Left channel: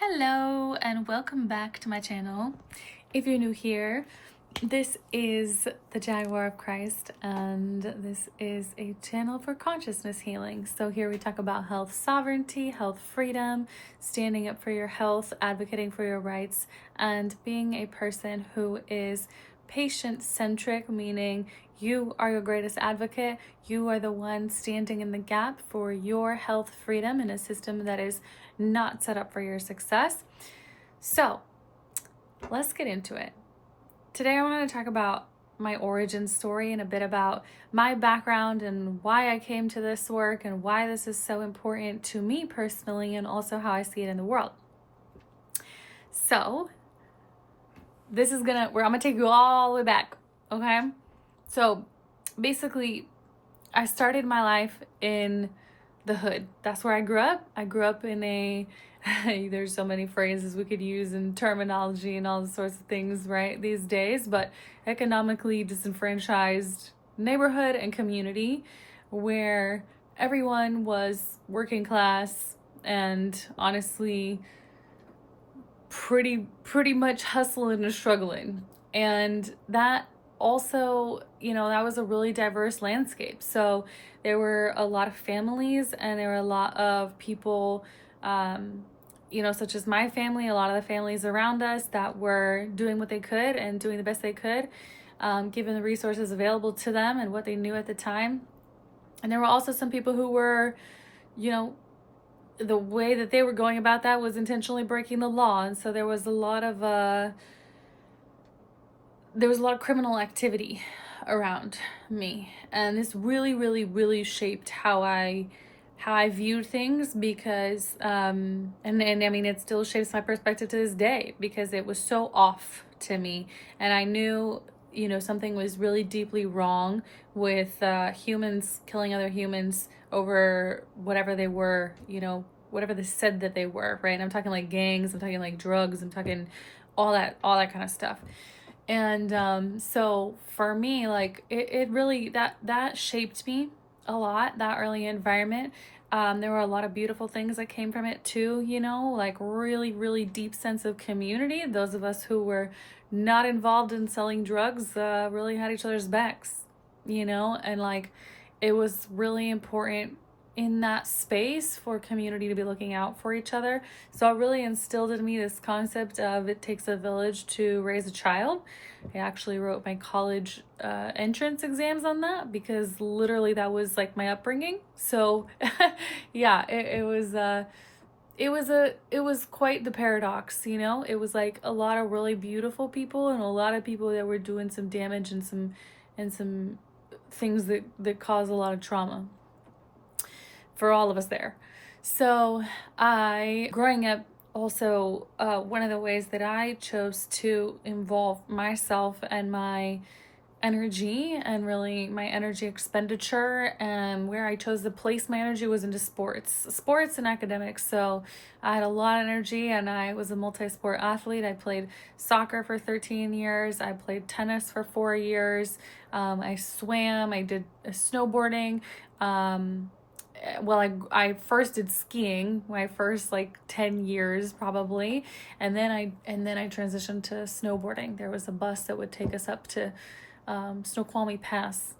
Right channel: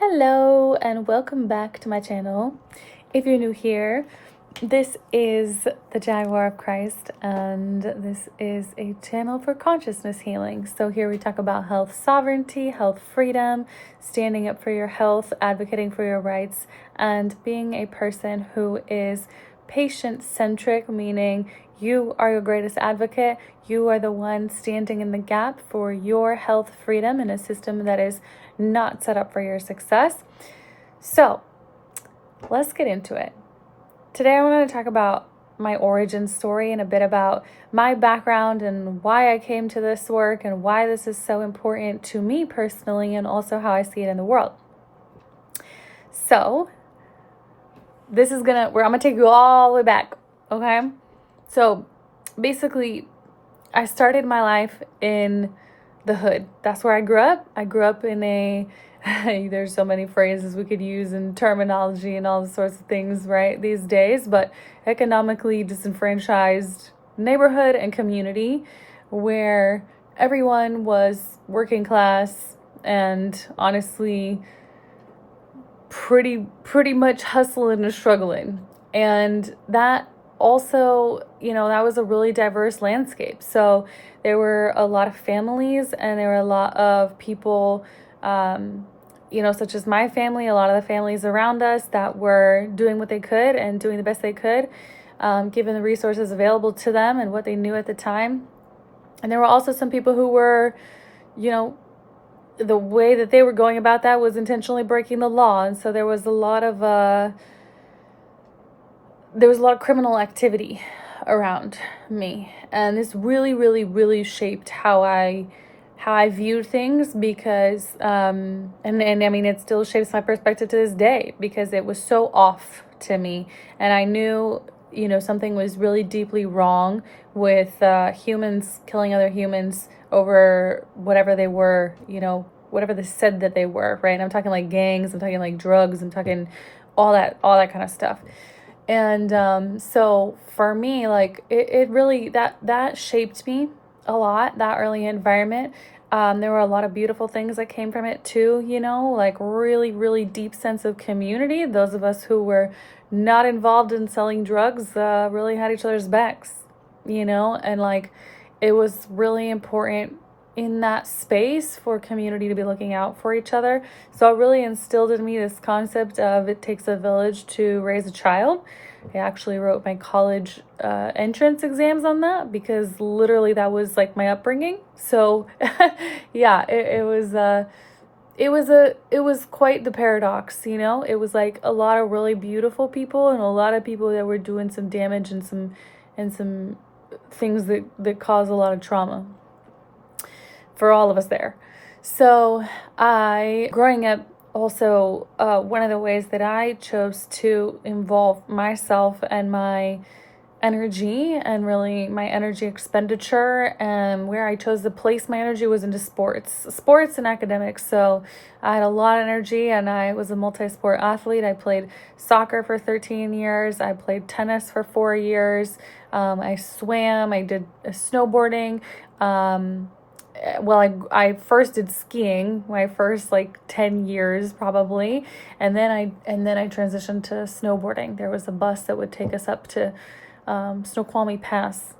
Hello and welcome back to my channel. If you're new here, this is the Jaguar of Christ and this is a channel for consciousness healing. So here we talk about health sovereignty, health freedom, standing up for your health, advocating for your rights, and being a person who is patient-centric, meaning you are your greatest advocate. You are the one standing in the gap for your health freedom in a system that is not set up for your success. So let's get into it. Today I want to talk about my origin story and a bit about my background and why I came to this work and why this is so important to me personally and also how I see it in the world. So I'm gonna take you all the way back, okay? So basically, I started my life in the hood. That's where I grew up. I grew up in there's so many phrases we could use and terminology and all the sorts of things, right, these days, but economically disenfranchised neighborhood and community where everyone was working class and honestly pretty much hustling and struggling. And that also, that was a really diverse landscape. So there were a lot of families and there were a lot of people, such as my family, a lot of the families around us that were doing what they could and doing the best they could, given the resources available to them and what they knew at the time. And there were also some people who were, the way that they were going about that was intentionally breaking the law. And so there was a lot of criminal activity around me. And this really shaped how I viewed things because, and I mean, it still shapes my perspective to this day because it was so off to me. And I knew, something was really deeply wrong with humans killing other humans over whatever they were, whatever they said that they were, right? And I'm talking like gangs, I'm talking like drugs, I'm talking all that kind of stuff. And so for me, like it really, that shaped me a lot, that early environment. There were a lot of beautiful things that came from it too, like really deep sense of community. Those of us who were not involved in selling drugs really had each other's backs, and like it was really important in that space for community to be looking out for each other. So it really instilled in me this concept of it takes a village to raise a child. I actually wrote my college entrance exams on that because literally that was like my upbringing. So yeah, it was quite the paradox, It was like a lot of really beautiful people and a lot of people that were doing some damage and some things that cause a lot of trauma for all of us there. So growing up, also one of the ways that I chose to involve myself and my energy and really my energy expenditure and where I chose to place my energy was into sports and academics. So I had a lot of energy and I was a multi-sport athlete. I played soccer for 13 years. I played tennis for 4 years. I swam. I did snowboarding. I first did king, my first 10 years probably, and then I transitioned to snowboarding. There was a bus that would take us up to Snoqualmie Pass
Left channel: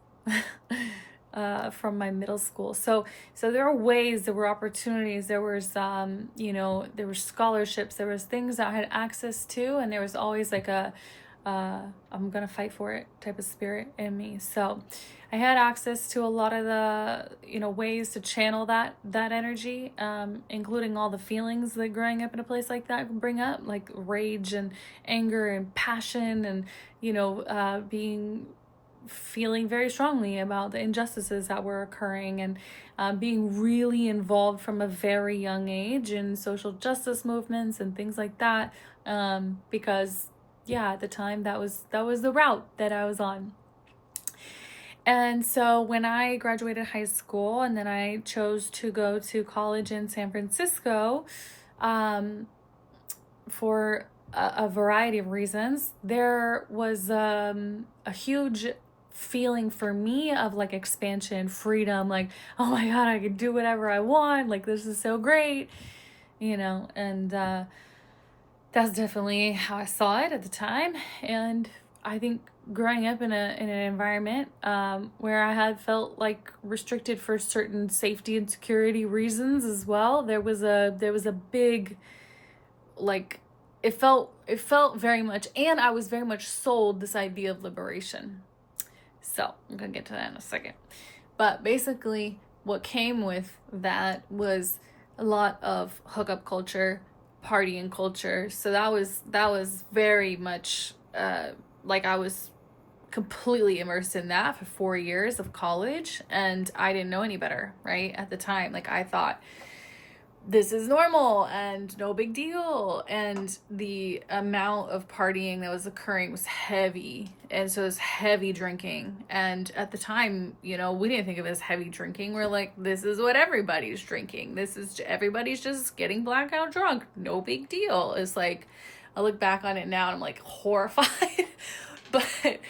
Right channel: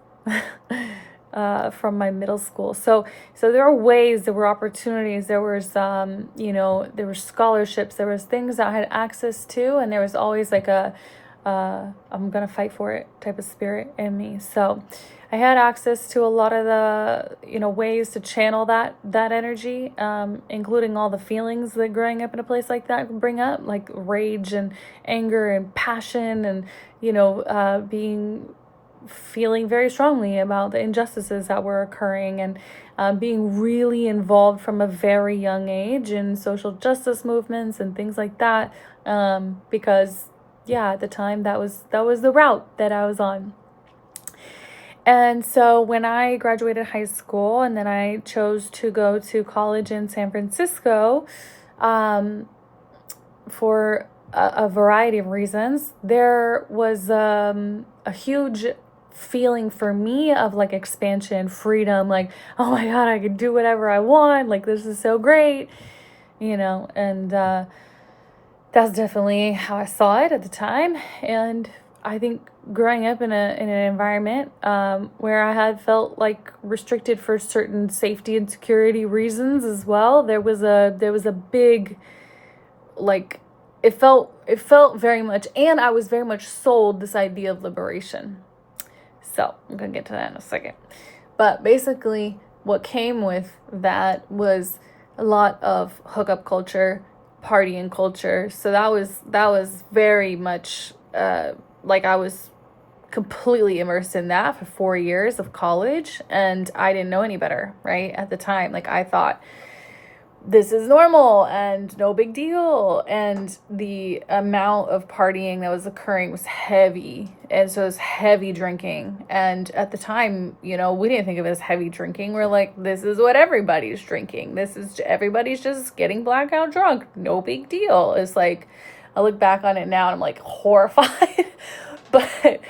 from my middle school. So there were ways, there were opportunities, there was there were scholarships, there was things that I had access to, and there was always like a I'm gonna fight for it type of spirit in me. So I had access to a lot of the, ways to channel that energy, including all the feelings that growing up in a place like that can bring up, like rage and anger and passion and, feeling very strongly about the injustices that were occurring and being really involved from a very young age in social justice movements and things like that, because, yeah, at the time that was the route that I was on. And so when I graduated high school and then I chose to go to college in San Francisco, for a variety of reasons, there was a huge feeling for me of like expansion, freedom, like, oh my God, I can do whatever I want. Like, this is so great. and that's definitely how I saw it at the time. And I think growing up in an environment where I had felt like restricted for certain safety and security reasons as well, there was a big, like, it felt very much, and I was very much sold this idea of liberation. So I'm gonna get to that in a second. But basically, what came with that was a lot of hookup culture, partying culture. So that was very much like I was completely immersed in that for 4 years of college, and I didn't know any better, right? At the time, like, I thought this is normal and no big deal, and the amount of partying that was occurring was heavy, and so it was heavy drinking. And at the time, we didn't think of it as heavy drinking. We're like, this is what everybody's drinking, everybody's just getting blackout drunk, no big deal. It's like, I look back on it now and I'm like horrified. but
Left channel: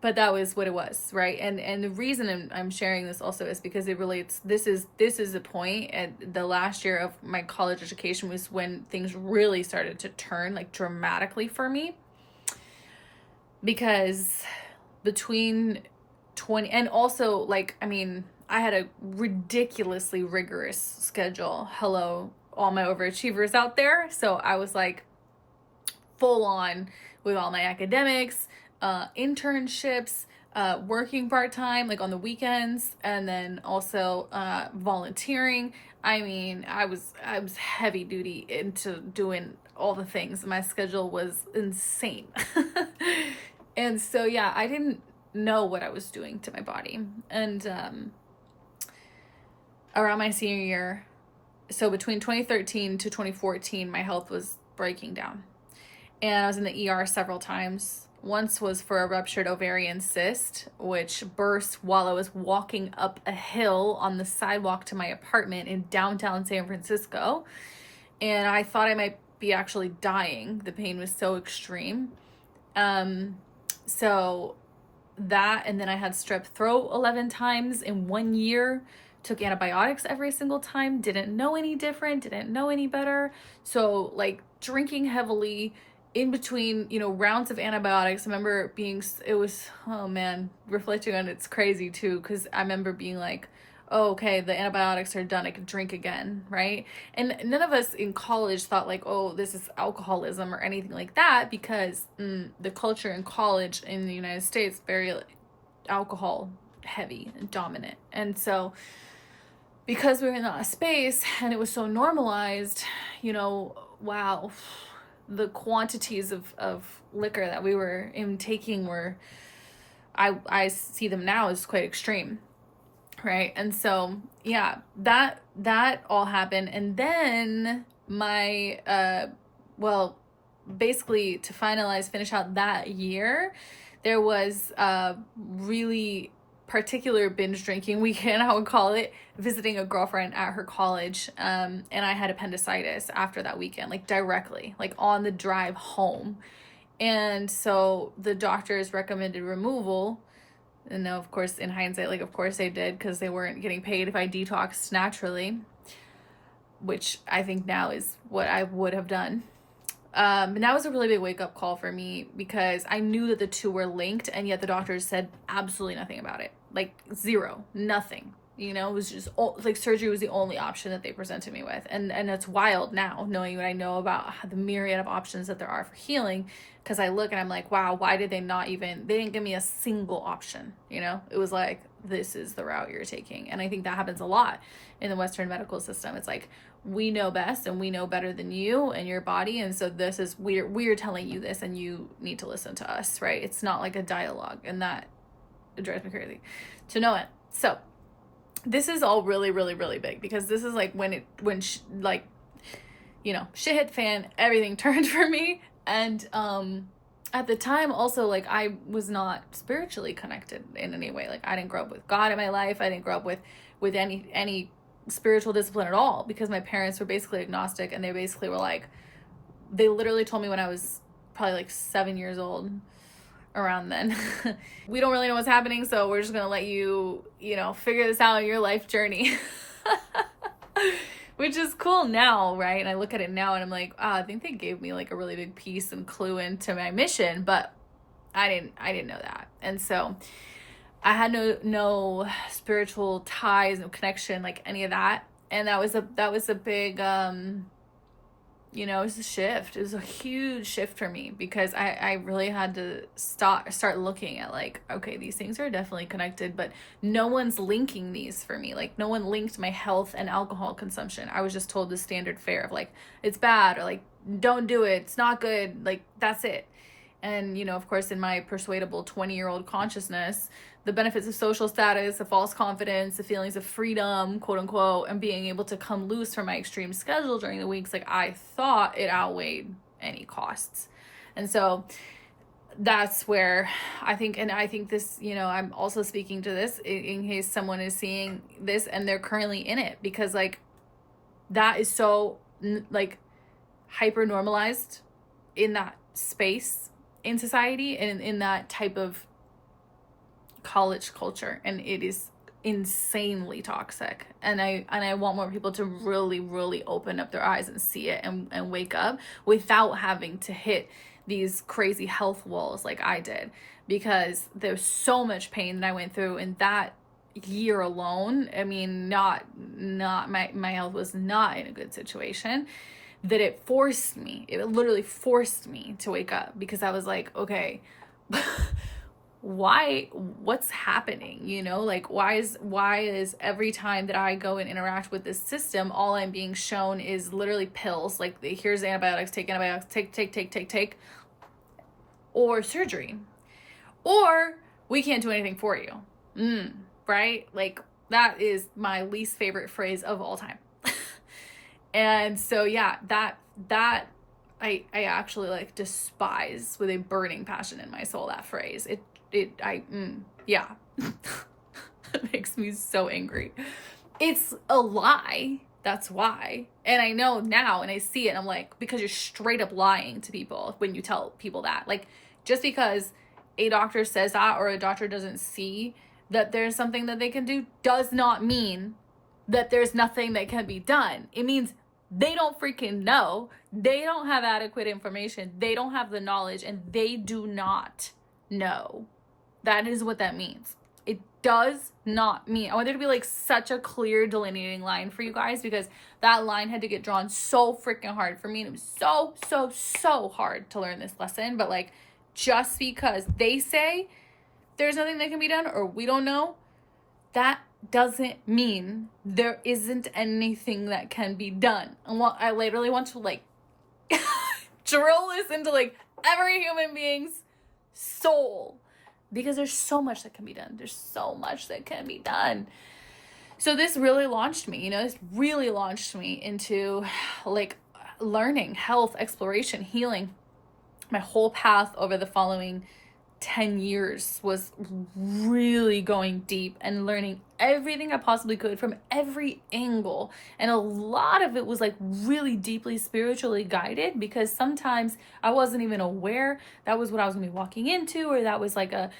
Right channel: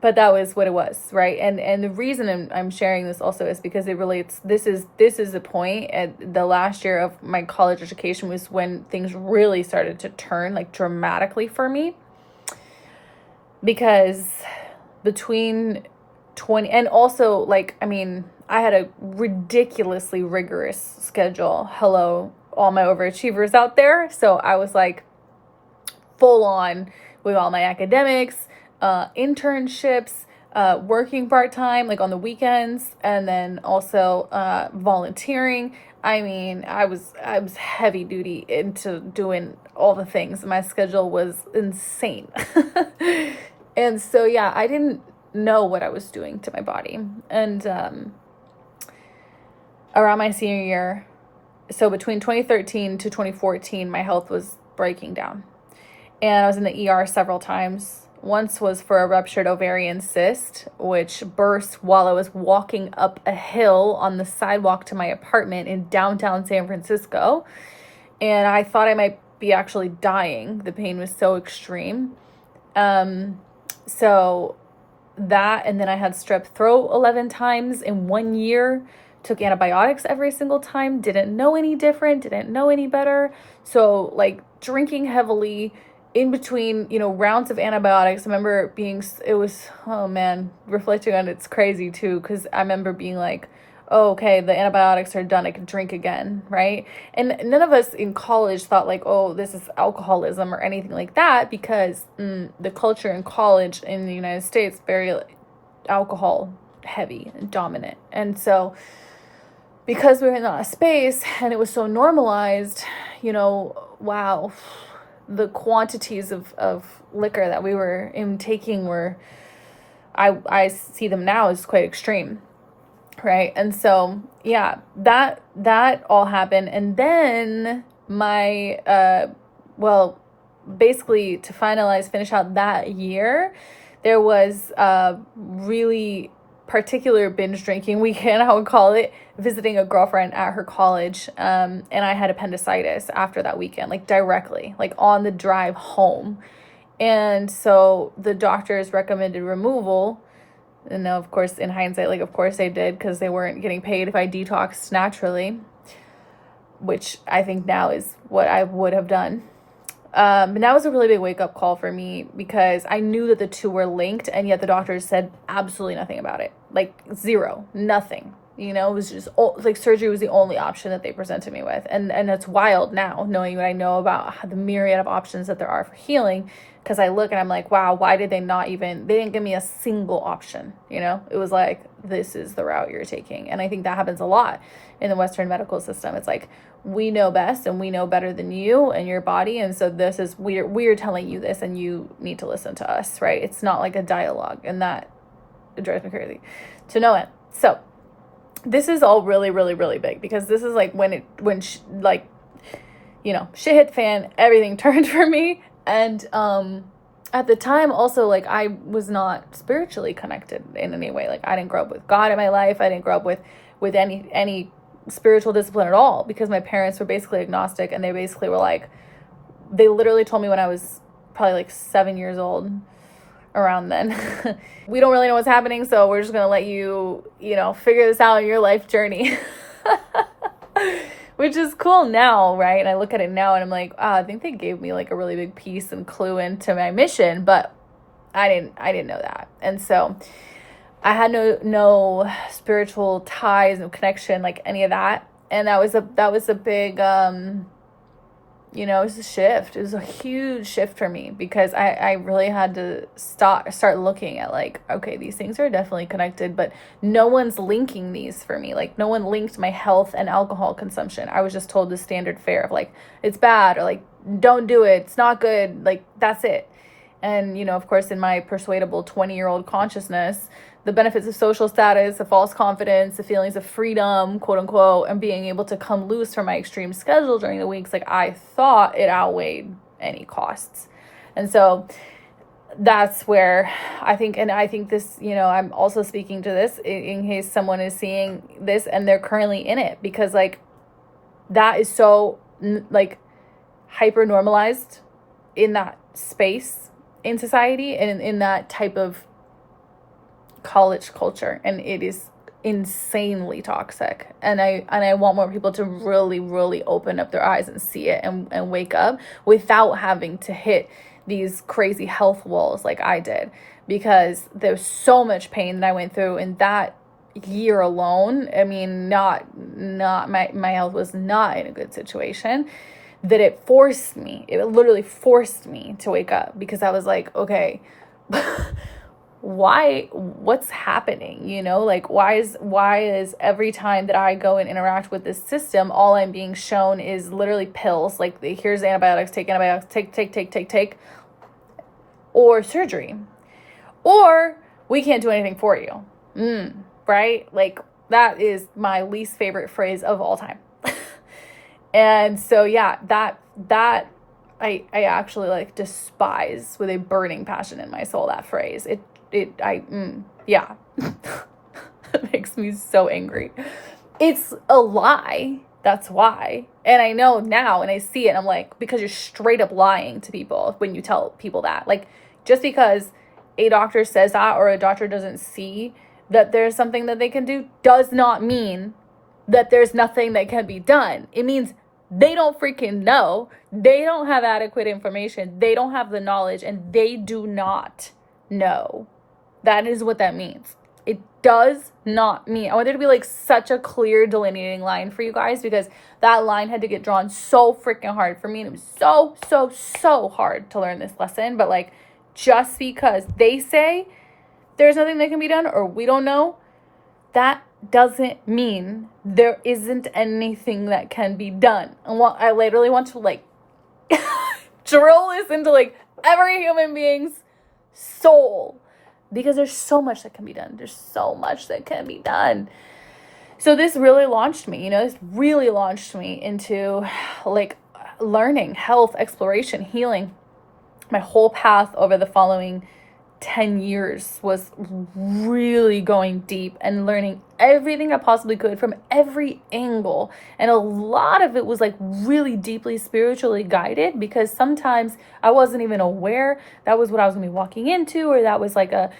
but that was what it was, right? And the reason I'm sharing this also is because it relates. This is the point. At the last year of my college education was when things really started to turn, like, dramatically for me, because between 20 and also, like, I mean, I had a ridiculously rigorous schedule. Hello, all my overachievers out there. So I was like full on with all my academics, internships, working part-time, like on the weekends, and then also volunteering. I mean, I was heavy duty into doing all the things. My schedule was insane. And so, yeah, I didn't know what I was doing to my body. And around my senior year, so between 2013 to 2014, my health was breaking down. And I was in the ER several times. Once was for a ruptured ovarian cyst, which burst while I was walking up a hill on the sidewalk to my apartment in downtown San Francisco. And I thought I might be actually dying. The pain was so extreme. So that, and then I had strep throat 11 times in 1 year, took antibiotics every single time, didn't know any different, didn't know any better. So, like, drinking heavily in between, rounds of antibiotics. I remember oh man, reflecting on it's crazy too, because I remember being like, oh, okay, the antibiotics are done, I can drink again, right? And none of us in college thought like, oh, this is alcoholism or anything like that, because the culture in college in the United States, very alcohol heavy and dominant. And so because we were in that space and it was so normalized, wow, the quantities of liquor that we were intaking were, I see them now as quite extreme, right? And so, yeah, that all happened. And then my, basically to finish out that year, there was a really particular binge drinking weekend, I would call it, visiting a girlfriend at her college. And I had appendicitis after that weekend, like directly, like on the drive home. And so the doctors recommended removal. And now, of course, in hindsight, like, of course they did, because they weren't getting paid if I detoxed naturally, which I think now is what I would have done. But that was a really big wake-up call for me, because I knew that the two were linked, and yet the doctors said absolutely nothing about it. Like, zero, nothing. It was just like surgery was the only option that they presented me with. And it's wild now, knowing what I know about the myriad of options that there are for healing, because I look and I'm like, wow, why did they didn't give me a single option? It was like, this is the route you're taking. And I think that happens a lot in the Western medical system. It's like, we know best and we know better than you and your body. And so this is, we're telling you this and you need to listen to us, right? It's not like a dialogue, and that drives me crazy to know it. So this is all really, really, really big, because this is like shit hit the fan, everything turned for me. And at the time also, like, I was not spiritually connected in any way. Like, I didn't grow up with God in my life. I didn't grow up with any spiritual discipline at all, because my parents were basically agnostic, and they basically were like, they literally told me when I was probably like 7 years old, around then, we don't really know what's happening, so we're just gonna let you figure this out in your life journey. which is cool now, right? And I look at it now and I'm like, I think they gave me like a really big piece and clue into my mission, but I didn't know that. And so I had no spiritual ties, no connection, like any of that. And that was a big it was a shift. It was a huge shift for me because I really had to start looking at like, okay, these things are definitely connected, but no one's linking these for me. Like no one linked my health and alcohol consumption. I was just told the standard fare of like, it's bad, or like, don't do it, it's not good, like that's it. And, of course, in my persuadable 20-year-old consciousness, the benefits of social status, the false confidence, the feelings of freedom, quote unquote, and being able to come loose from my extreme schedule during the weeks, like I thought it outweighed any costs. And so that's where I think this, I'm also speaking to this in case someone is seeing this and they're currently in it, because like that is so like hyper normalized in that space in society and in that type of college culture, and it is insanely toxic. And I want more people to really, really open up their eyes and see it and wake up without having to hit these crazy health walls like I did, because there's so much pain that I went through in that year alone. I mean, not my health was not in a good situation, that it literally forced me to wake up, because I was like, okay, what's happening? Like why is every time that I go and interact with this system, all I'm being shown is literally pills, like here's antibiotics, take antibiotics, take, or surgery, or we can't do anything for you. Right? Like that is my least favorite phrase of all time. And so, yeah, that I actually like despise with a burning passion in my soul, that phrase. It makes me so angry. It's a lie. That's why. And I know now, and I see it, and I'm like, because you're straight up lying to people when you tell people that. Like, just because a doctor says that, or a doctor doesn't see that there's something that they can do, does not mean that there's nothing that can be done. It means they don't freaking know. They don't have adequate information. They don't have the knowledge, and they do not know. That is what that means. It does not mean. I want there to be like such a clear delineating line for you guys, because that line had to get drawn so freaking hard for me. And it was so hard to learn this lesson. But like, just because they say there's nothing that can be done, or we don't know, that doesn't mean there isn't anything that can be done. And I literally want to like drill this into like every human being's soul, because there's so much that can be done. There's so much that can be done. So this really launched me, this really launched me into like learning, health, exploration, healing. My whole path over the following 10 years was really going deep and learning everything I possibly could from every angle. And a lot of it was like really deeply spiritually guided, because sometimes I wasn't even aware that was what I was gonna be walking into, or that was like a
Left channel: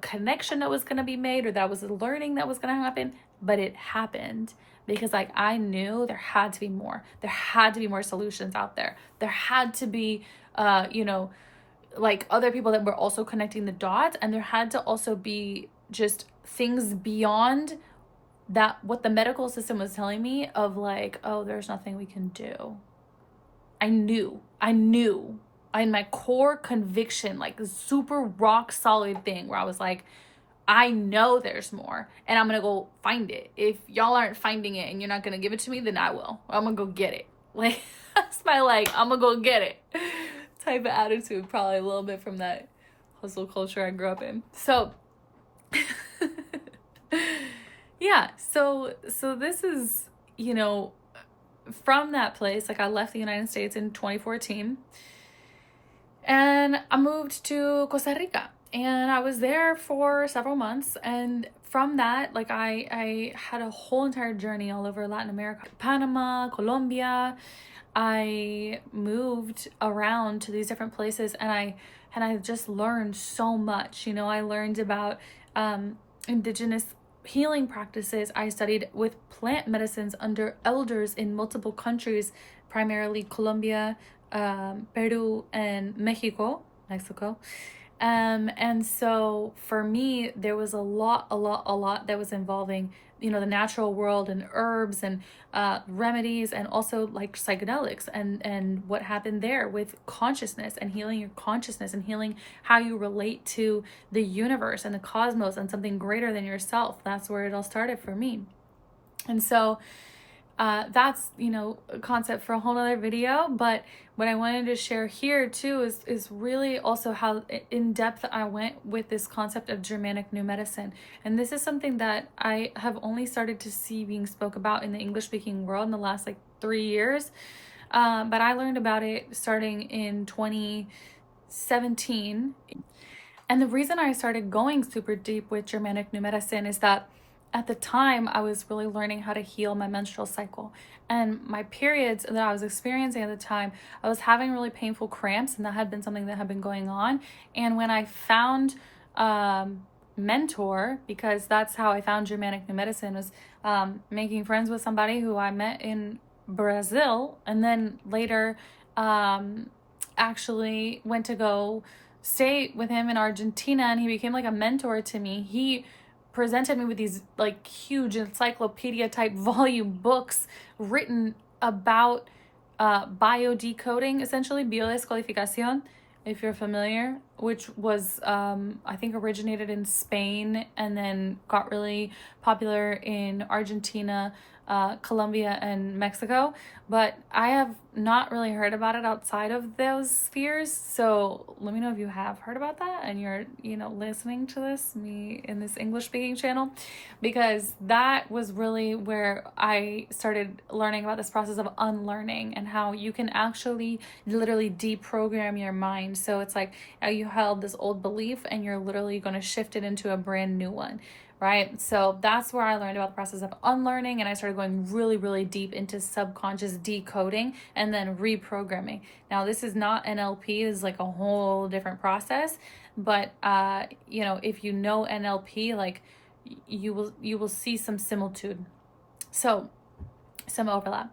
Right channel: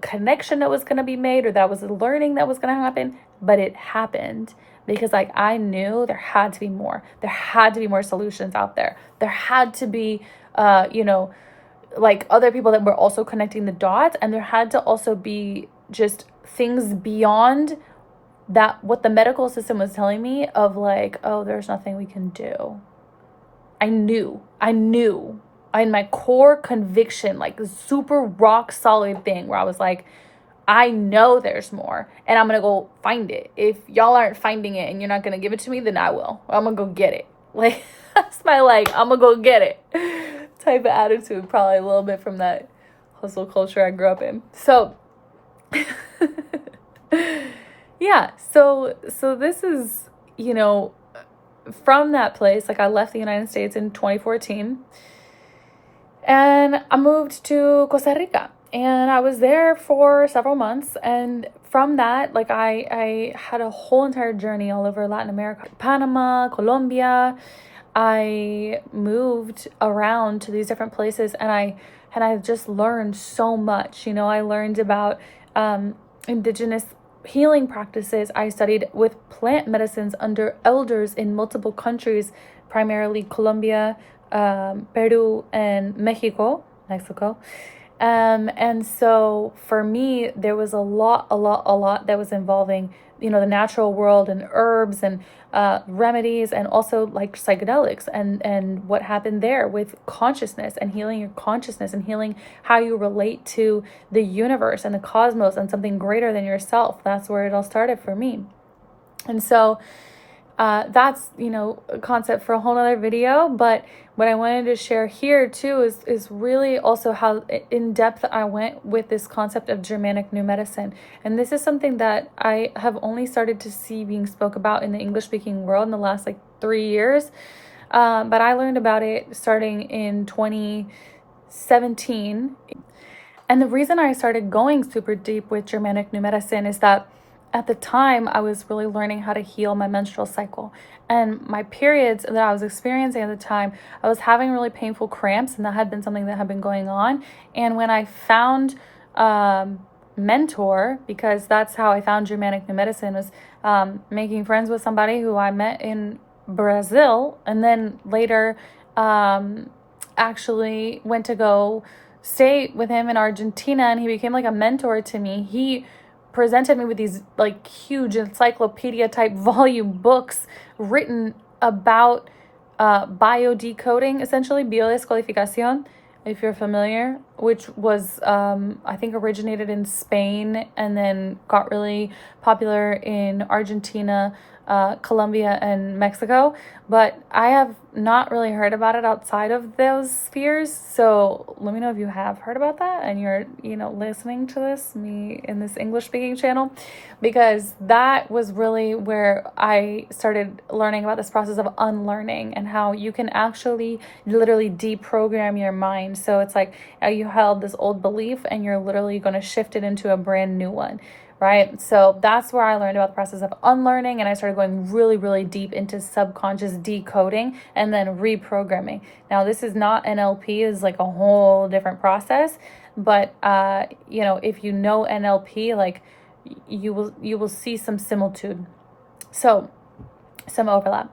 connection that was gonna be made, or that was a learning that was gonna happen. But it happened because like I knew there had to be more. There had to be more solutions out there. There had to be like other people that were also connecting the dots, and there had to also be just things beyond that, what the medical system was telling me of like, oh, there's nothing we can do. I knew in my core conviction, like super rock solid thing, where I was like, I know there's more, and I'm gonna go find it. If y'all aren't finding it and you're not gonna give it to me, then I will. I'm gonna go get it. Like, that's my like, I'm gonna go get it type of attitude, probably a little bit from that hustle culture I grew up in. So yeah, so this is, from that place, like I left the United States in 2014 and I moved to Costa Rica, and I was there for several months. And from that, like I had a whole entire journey all over Latin America, Panama, Colombia. I moved around to these different places, and I just learned so much. I learned about indigenous healing practices, I studied with plant medicines under elders in multiple countries, primarily Colombia, Peru, and Mexico. And so for me, there was a lot that was involving, the natural world and herbs and remedies, and also like psychedelics, and what happened there with consciousness and healing your consciousness and healing how you relate to the universe and the cosmos and something greater than yourself. That's where it all started for me. And so that's, a concept for a whole other video. But what I wanted to share here too is really also how in depth I went with this concept of Germanic New Medicine. And this is something that I have only started to see being spoke about in the English speaking world in the last 3 years. But I learned about it starting in 2017. And the reason I started going super deep with Germanic New Medicine is that at the time, I was really learning how to heal my menstrual cycle. And my periods that I was experiencing at the time, I was having really painful cramps, and that had been something that had been going on. And when I found mentor, because that's how I found Germanic New Medicine, was making friends with somebody who I met in Brazil, and then later actually went to go stay with him in Argentina, and he became like a mentor to me. He presented me with these huge encyclopedia type volume books written about biodecoding, essentially biodescodificación, if you're familiar, which was I think originated in Spain and then got really popular in Argentina, Colombia, and Mexico. But I have not really heard about it outside of those spheres. So let me know if you have heard about that and you're, listening to me in this English speaking channel, because that was really where I started learning about this process of unlearning and how you can actually literally deprogram your mind. So it's like you held this old belief and you're literally going to shift it into a brand new one. Right? So that's where I learned about the process of unlearning, and I started going really, really deep into subconscious decoding and then reprogramming. Now, this is not NLP, it's a whole different process, but if you know NLP, you will see some similitude. So some overlap.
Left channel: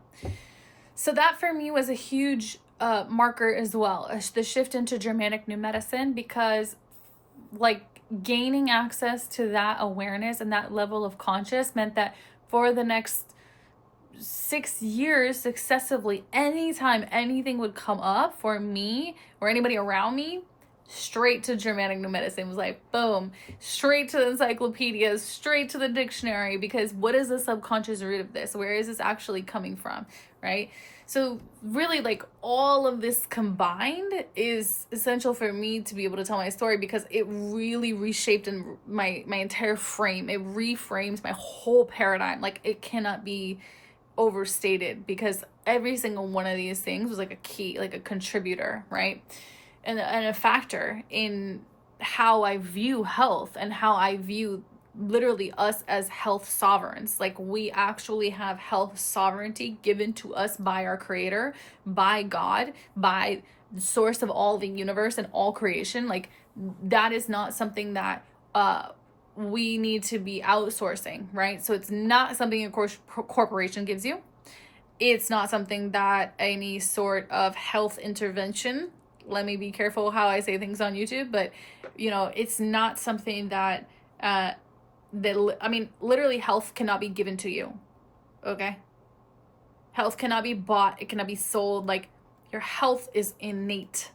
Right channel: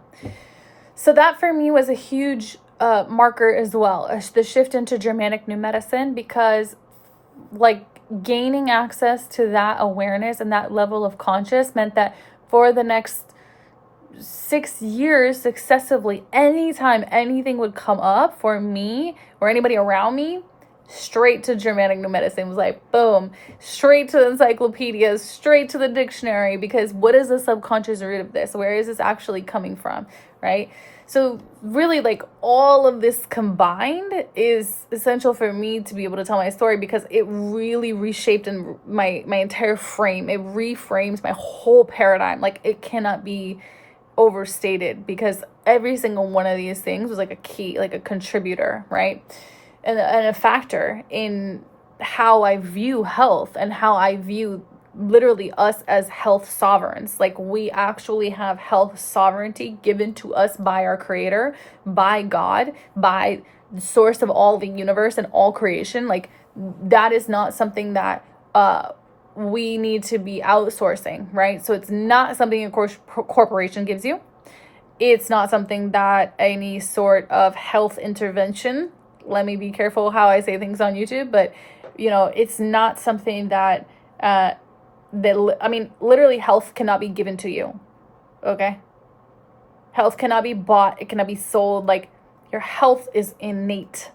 So that for me was a huge marker as well, the shift into Germanic New Medicine, because gaining access to that awareness and that level of conscious meant that for the next 6 years successively, anytime anything would come up for me or anybody around me, straight to Germanic New Medicine. It was boom, straight to the encyclopedias, straight to the dictionary, because what is the subconscious root of this? Where is this actually coming from, right? So really, all of this combined is essential for me to be able to tell my story, because it really reshaped my entire frame. It reframes my whole paradigm. It cannot be overstated, because every single one of these things was a key, a contributor, right? And a factor in how I view health and how I view literally us as health sovereigns. We actually have health sovereignty given to us by our creator, by God, by the source of all the universe and all creation. That is not something that we need to be outsourcing, right? So it's not something a corporation gives you. It's not something that any sort of health intervention, let me be careful how I say things on YouTube, but it's not something that literally health cannot be given to you. Okay? Health cannot be bought, it cannot be sold. Your health is innate.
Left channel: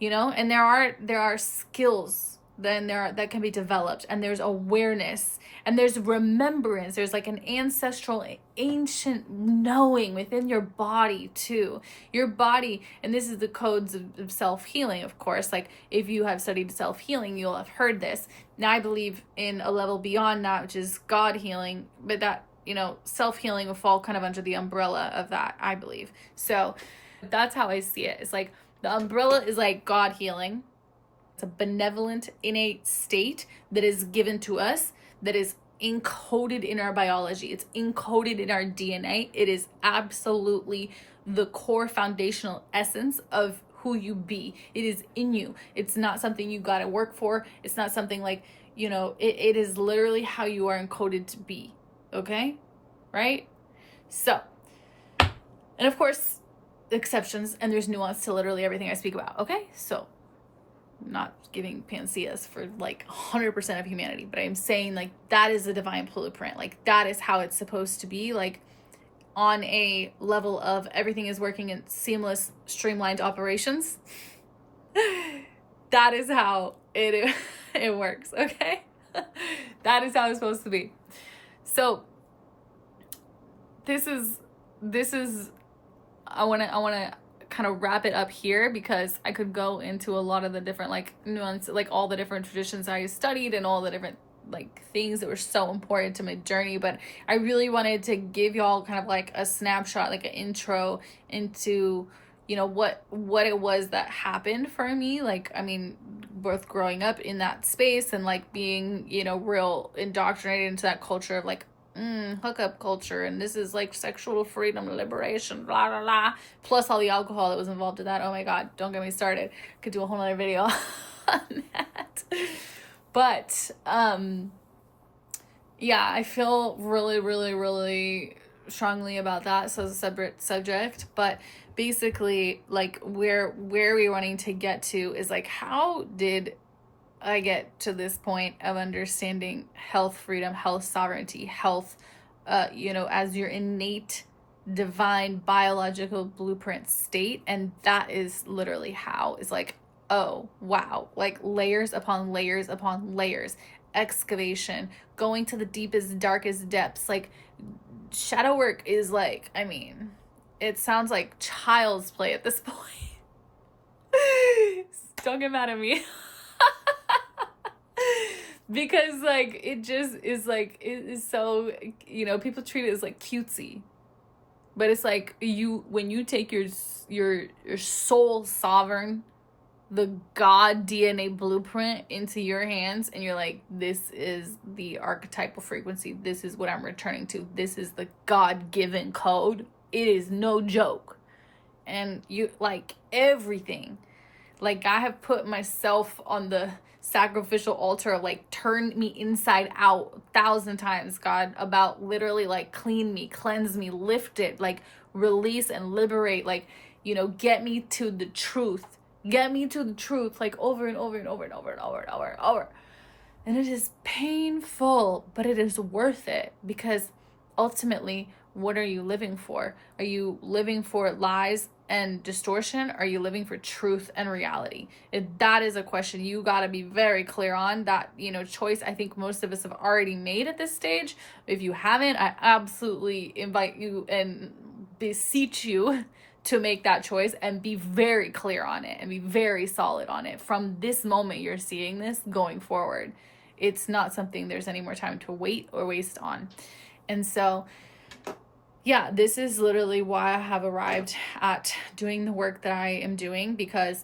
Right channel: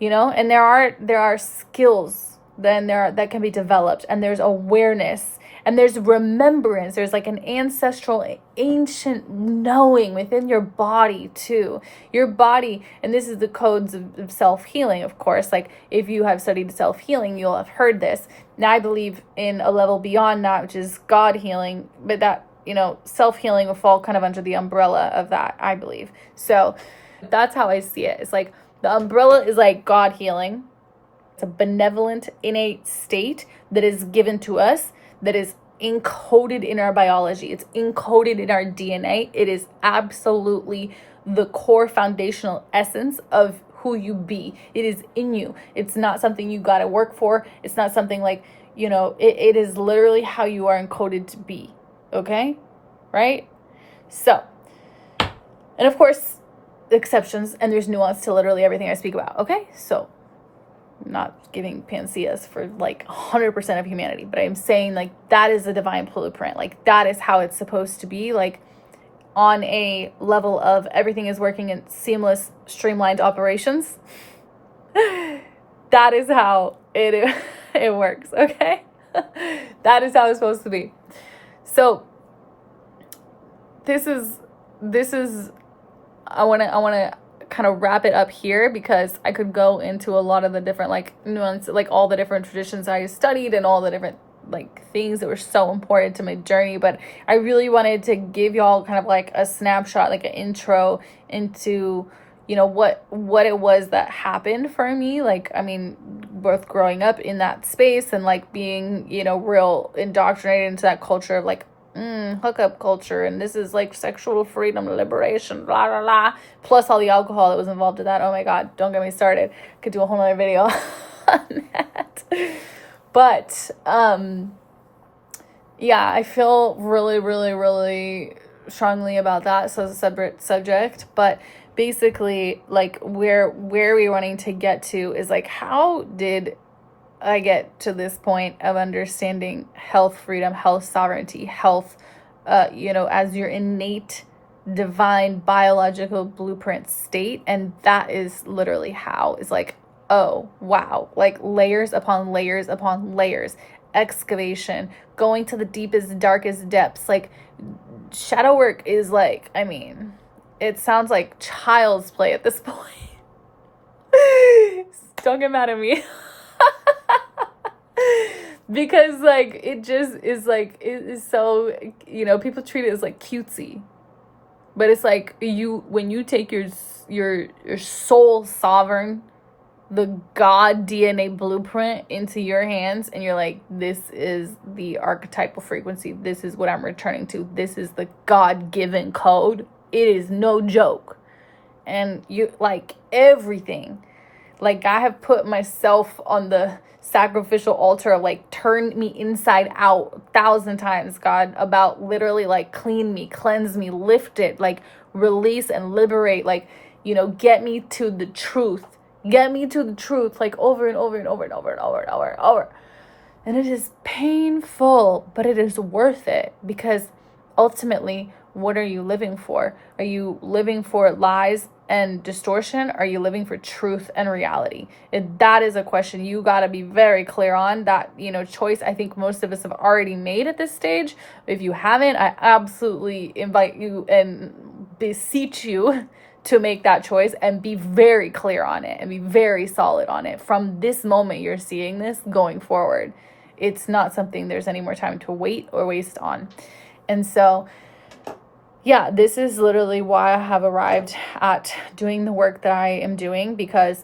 And there are skills that can be developed, and there's awareness, and there's remembrance. There's an ancestral, ancient knowing within your body too. Your body, and this is the codes of self-healing, of course. If you have studied self-healing, you'll have heard this. Now I believe in a level beyond that, which is God healing, but that, self-healing will fall kind of under the umbrella of that, I believe. So that's how I see it. It's the umbrella is God healing. It's a benevolent, innate state that is given to us, that is encoded in our biology. It's encoded in our DNA. It is absolutely the core foundational essence of who you be. It is in you. It's not something you got to work for. It's not something you know, it is literally how you are encoded to be. Okay? Right? So, and of course, exceptions, and there's nuance to literally everything I speak about. Okay? So, I'm not giving panaceas for like 100% of humanity, but I'm saying like that is a divine blueprint. Like that is how it's supposed to be. Like on a level of everything is working in seamless, streamlined operations. That is how it works, okay? That is how it's supposed to be. So this is I want to kind of wrap it up here, because I could go into a lot of the different like nuance, like all the different traditions I studied and all the different like things that were so important to my journey, but I really wanted to give y'all kind of like a snapshot, like an intro into, you know, what it was that happened for me. Like, I mean, both growing up in that space and like being, you know, real indoctrinated into that culture of like hookup culture, and this is like sexual freedom, liberation, blah blah blah, plus all the alcohol that was involved in that. Oh my god, don't get me started. Could do a whole nother video on that. But yeah, I feel really, really, really strongly about that. So it's a separate subject, but basically, like where we're wanting to get to is like, how did I get to this point of understanding health freedom, health sovereignty, health, you know, as your innate divine biological blueprint state? And that is literally how, is like, oh wow, like layers upon layers upon layers, excavation, going to the deepest, darkest depths. Like shadow work is like, I mean, it sounds like child's play at this point. Don't get mad at me. Because like it just is like, it is so, you know, people treat it as like cutesy, but it's like when you take your soul sovereign, the God DNA blueprint into your hands, and you're like, this is the archetypal frequency, this is what I'm returning to, this is the God-given code, it is no joke. And you like everything, like I have put myself on the sacrificial altar of like, turn me inside out 1,000 times, God, about literally like clean me, cleanse me, lift it, like release and liberate, like, you know, get me to the truth, like over and over and over and over and over and over and over. And it is painful, but it is worth it, because ultimately, what are you living for? Are you living for lies and distortion? Are you living for truth and reality? That is a question you got to be very clear on. That, you know, choice I think most of us have already made at this stage. If you haven't, I absolutely invite you and beseech you to make that choice and be very clear on it and be very solid on it from this moment you're seeing this going forward. It's not something there's any more time to wait or waste on. And so, yeah, this is literally why I have arrived at doing the work that I am doing, because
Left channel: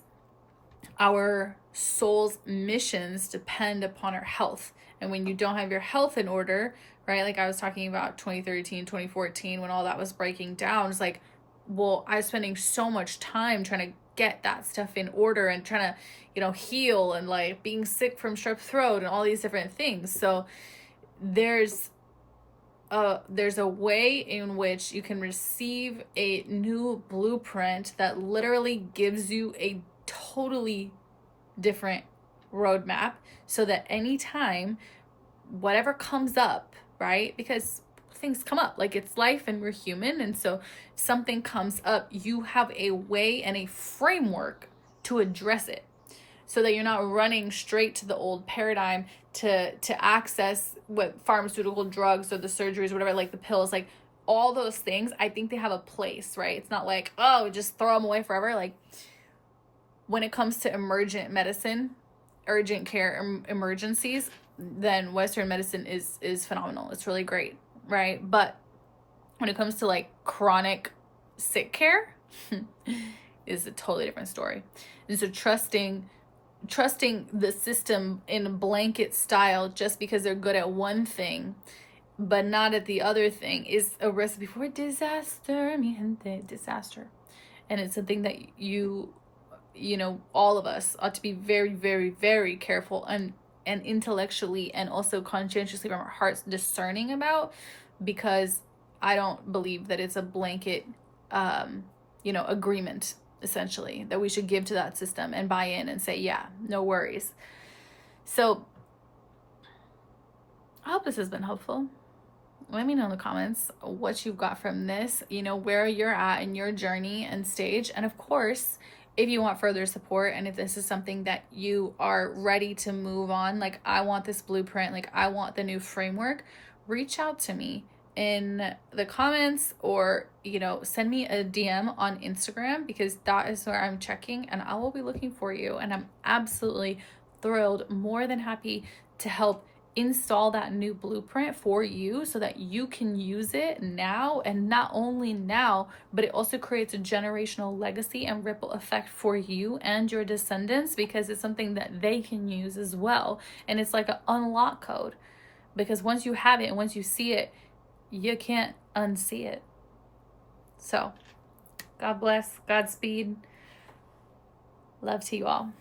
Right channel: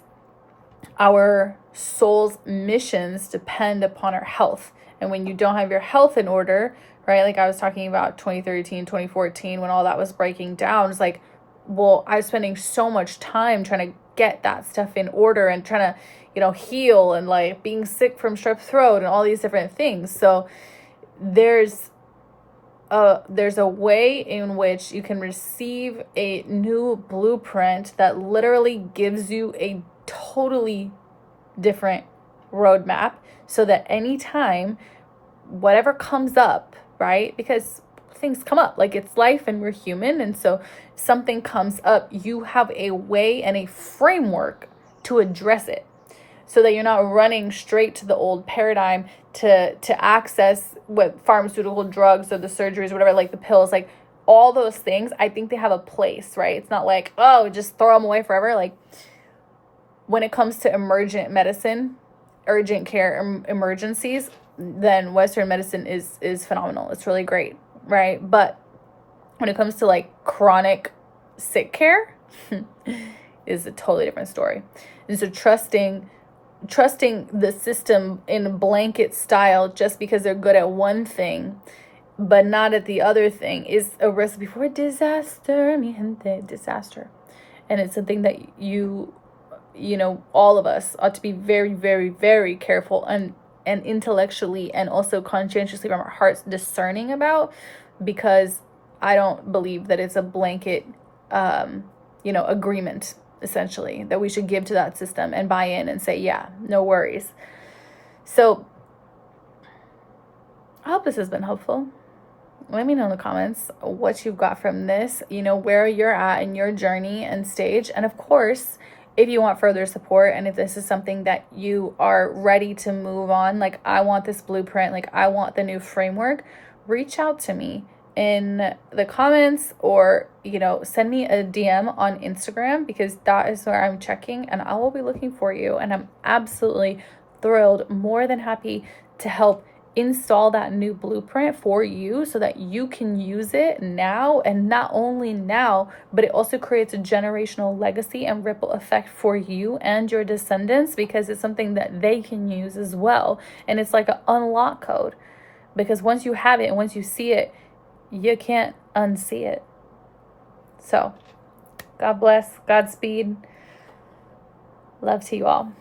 our soul's missions depend upon our health. And when you don't have your health in order, right, like I was talking about 2013, 2014, when all that was breaking down, it's like, well, I was spending so much time trying to get that stuff in order and trying to, you know, heal, and like being sick from strep throat and all these different things. So there's a way in which you can receive a new blueprint that literally gives you a totally different roadmap, so that anytime whatever comes up, right, because things come up, like it's life and we're human, and so something comes up, you have a way and a framework to address it, so that you're not running straight to the old paradigm to access what pharmaceutical drugs or the surgeries or whatever, like the pills, like all those things. I think they have a place, right? It's not like, oh, just throw them away forever. Like when it comes to emergent medicine, urgent care, emergencies, then Western medicine is phenomenal. It's really great, right? But when it comes to like chronic sick care is a totally different story. And so trusting the system in blanket style just because they're good at one thing but not at the other thing is a recipe for disaster, mi gente, disaster. And it's something that you know, all of us ought to be very, very, very careful and and intellectually and also conscientiously from our hearts discerning about, because I don't believe that it's a blanket, agreement, essentially, that we should give to that system and buy in and say, yeah, no worries. So I hope this has been helpful. Let me know in the comments what you've got from this, where you're at in your journey and stage. And of course, if you want further support and if this is something that you are ready to move on, like I want this blueprint, like I want the new framework, reach out to me in the comments or, send me a DM on Instagram, because that is where I'm checking and I will be looking for you. And I'm absolutely thrilled, more than happy to help install that new blueprint for you so that you can use it now. And not only now, but it also creates a generational legacy and ripple effect for you and your descendants, because it's something that they can use as well. And it's like an unlock code, because once you have it and once you see it, you can't unsee it. So God bless, Godspeed, love to you all.